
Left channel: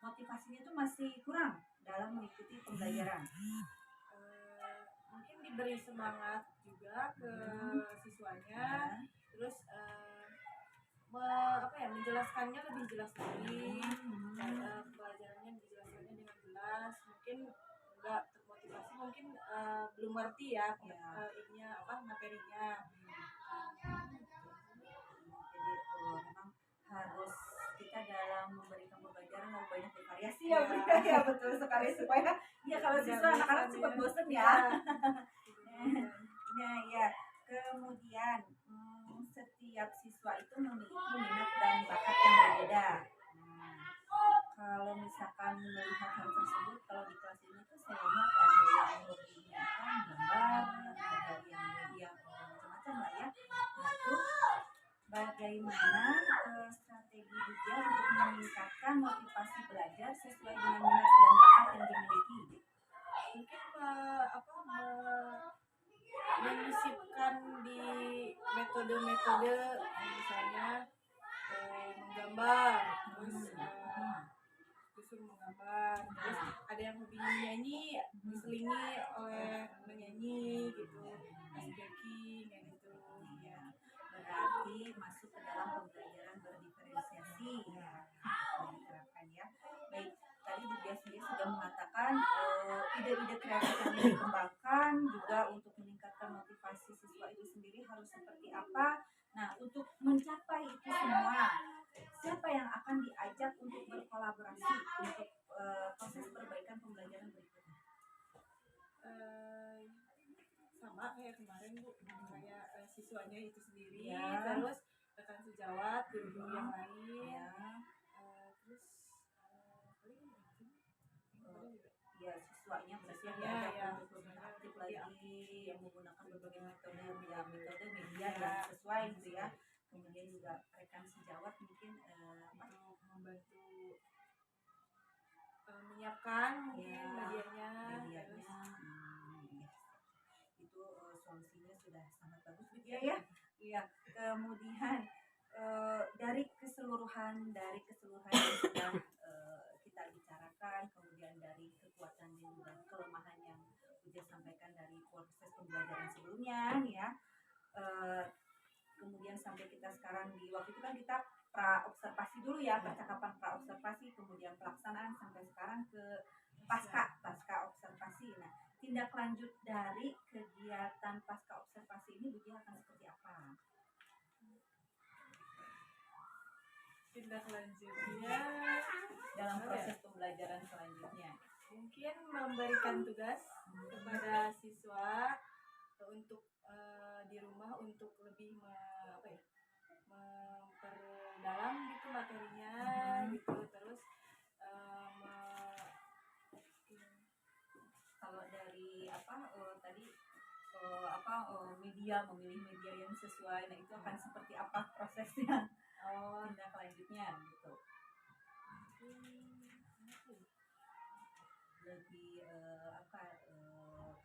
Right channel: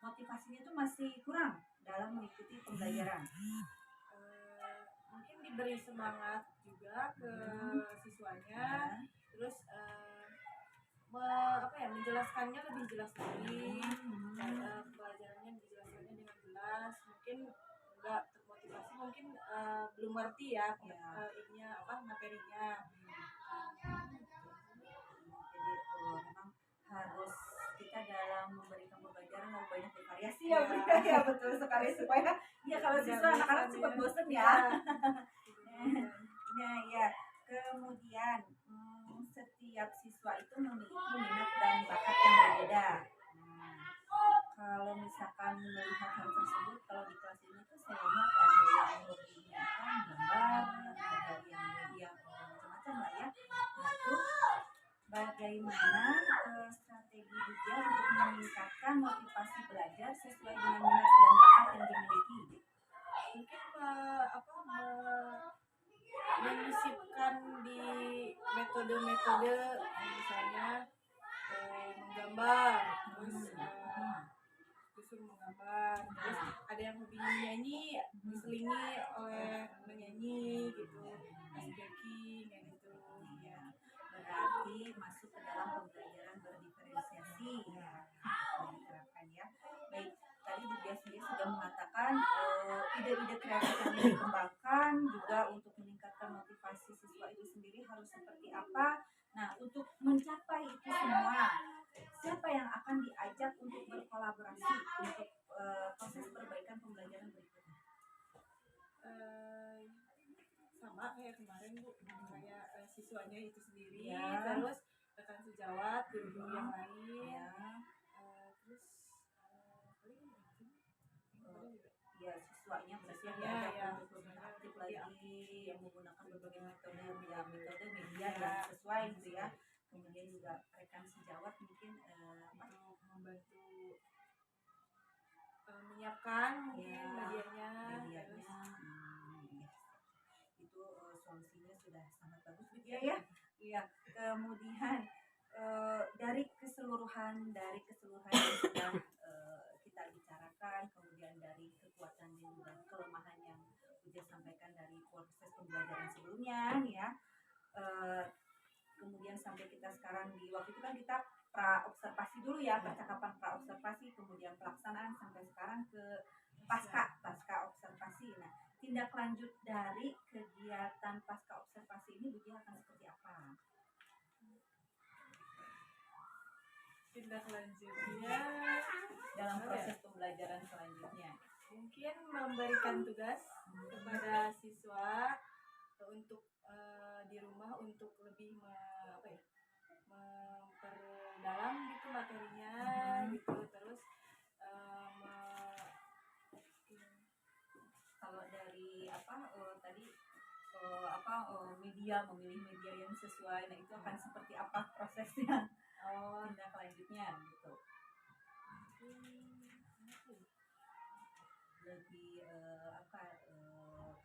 motivasinya itu masih kurang dalam mengikuti pembelajaran? Mungkin diberi semangat juga ke siswanya, terus menjelaskannya lebih jelas lagi, pelajarannya dijelaskannya dengan jelas. Mungkin enggak termotivasi, mungkin belum ngerti ya materinya. Jadi memang harus kita dalam memberikan pembelajaran harus banyak bervariasi ya, ya betul sekali supaya kalau siswa anak-anak cepat bosan ya. Nah ya, kemudian setiap siswa itu memiliki minat dan bakat yang berbeda. Nah, kalau misalkan melihat hal tersebut, kalau di kelas ini tuh saya lihat ada yang hobinya gambar, ada yang macam-macam lah ya. Nah itu bagaimana strategi Bu Diah untuk meningkatkan motivasi belajar sesuai dengan minat dan bakat yang dimiliki? Mungkin menyisipkan di metode-metode misalnya menggambar, terus disuruh menggambar, terus ada yang hobinya menyanyi, diselingi oleh menyanyi gitu, kasih backing kayak gitu ya. Berarti masuk ke dalam pembelajaran berdiferensiasi ya, diterapkan ya. Baik, tadi Bu Diah sendiri sudah mengatakan ide-ide kreatif yang dikembangkan juga untuk meningkatkan motivasi siswa itu sendiri harus seperti apa. Nah, untuk mencapai itu semua, siapa yang akan diajak untuk berkolaborasi untuk proses perbaikan pembelajaran berikutnya? Sama kayak kemarin Bu, kayak siswanya itu sendiri, terus rekan sejawat, guru-guru yang lain, terus ya siswanya berarti yang Ya, diajak ya, untuk lebih siswanya aktif lebih lagi, yang menggunakan berbagai metode metode media Ya. yang sesuai gitu ya. Kemudian juga rekan sejawat mungkin untuk membantu menyiapkan mungkin Ya, medianya, medianya terus ya. Itu solusinya sudah sangat bagus Bu Dia ya. Iya. Kemudian dari keseluruhan yang sudah kita bicarakan, kemudian dari kekuatan dan juga kelemahan yang Bu Dia sampaikan dari proses pembelajaran sebelumnya ya. Kemudian sampai kita sekarang di waktu itu kan kita pra observasi dulu ya, percakapan pra observasi, kemudian pelaksanaan sampai sekarang ke pasca observasi. Nah, tindak lanjut dari kegiatan pasca observasi ini Bu Dia akan seperti apa? tindak lanjutnya Dalam proses pembelajaran selanjutnya. mungkin memberikan tugas kepada siswa untuk di rumah untuk lebih memperdalam gitu materinya gitu, terus Kalau dari tadi memilih media yang sesuai, nah itu akan seperti apa prosesnya? Tindak lanjutnya gitu. Lebih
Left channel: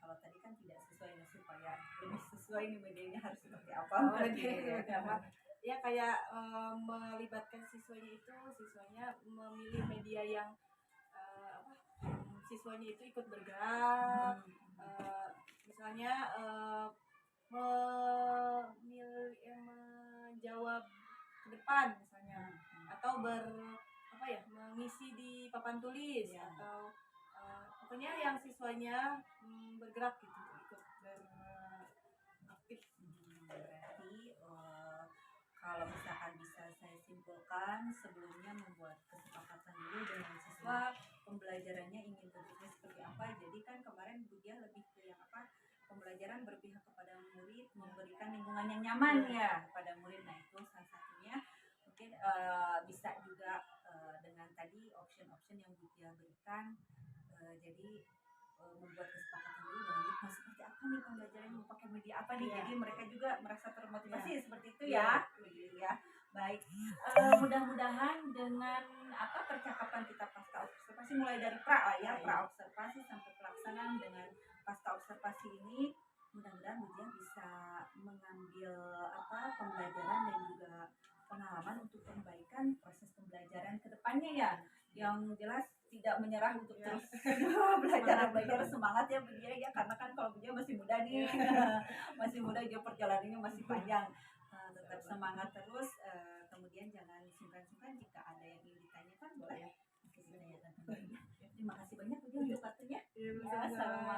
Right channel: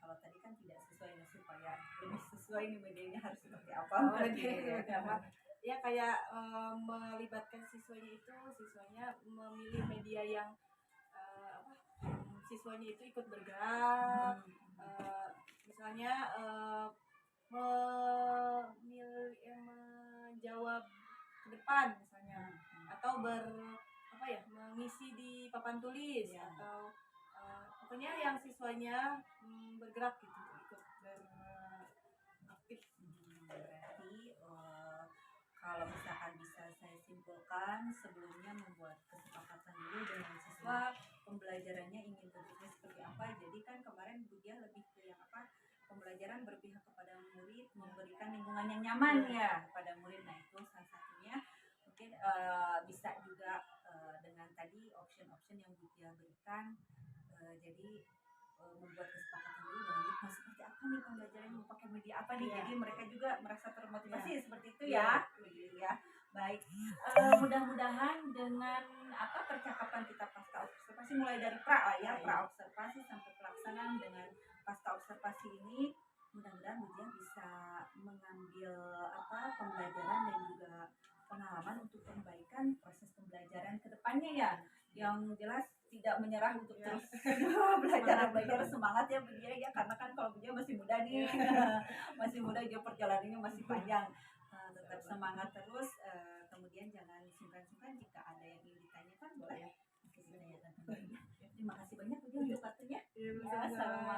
kalau tadi kan tidak sesuai, nah supaya lebih sesuai nih medianya harus seperti apa? Ya kayak melibatkan siswanya memilih media yang siswanya itu ikut bergerak, misalnya menjawab ke depan misalnya, atau mengisi di papan tulis Ya. atau pokoknya yang siswanya bergerak gitu, ikut beraktif. Berarti kalau misalkan bisa saya simpulkan, sebelumnya membuat kesepakatan dulu dengan siswa pembelajarannya ingin bentuknya seperti apa. Jadi kan kemarin Bu Dia lebih ke yang pembelajaran berpihak kepada murid, memberikan lingkungan yang nyaman ya pada murid. Nah itu salah satunya. Mungkin bisa juga dengan tadi option-option yang Bu Dia berikan. Jadi membuat kesepakatan dulu dengan mau seperti apa nih pembelajaran, mau pakai media apa nih, jadi mereka juga merasa termotivasi seperti itu ya. Baik, mudah-mudahan dengan percakapan kita pasca observasi mulai dari pra observasi sampai pelaksanaan dengan pasca observasi ini, mudah-mudahan Bu Dia bisa mengambil pembelajaran dan juga pengalaman untuk perbaikan proses pembelajaran ke depannya ya. Yang jelas tidak menyerah untuk terus belajar semangat ya Bu Dia ya, karena kan kalau Bu Dia masih muda nih masih muda, dia perjalanannya masih panjang. Tetap semangat terus, kemudian jangan sungkan-sungkan jika ada yang ingin ditanyakan boleh ditanyakan kembali. Terima kasih banyak Bu Dia untuk waktunya. Sama.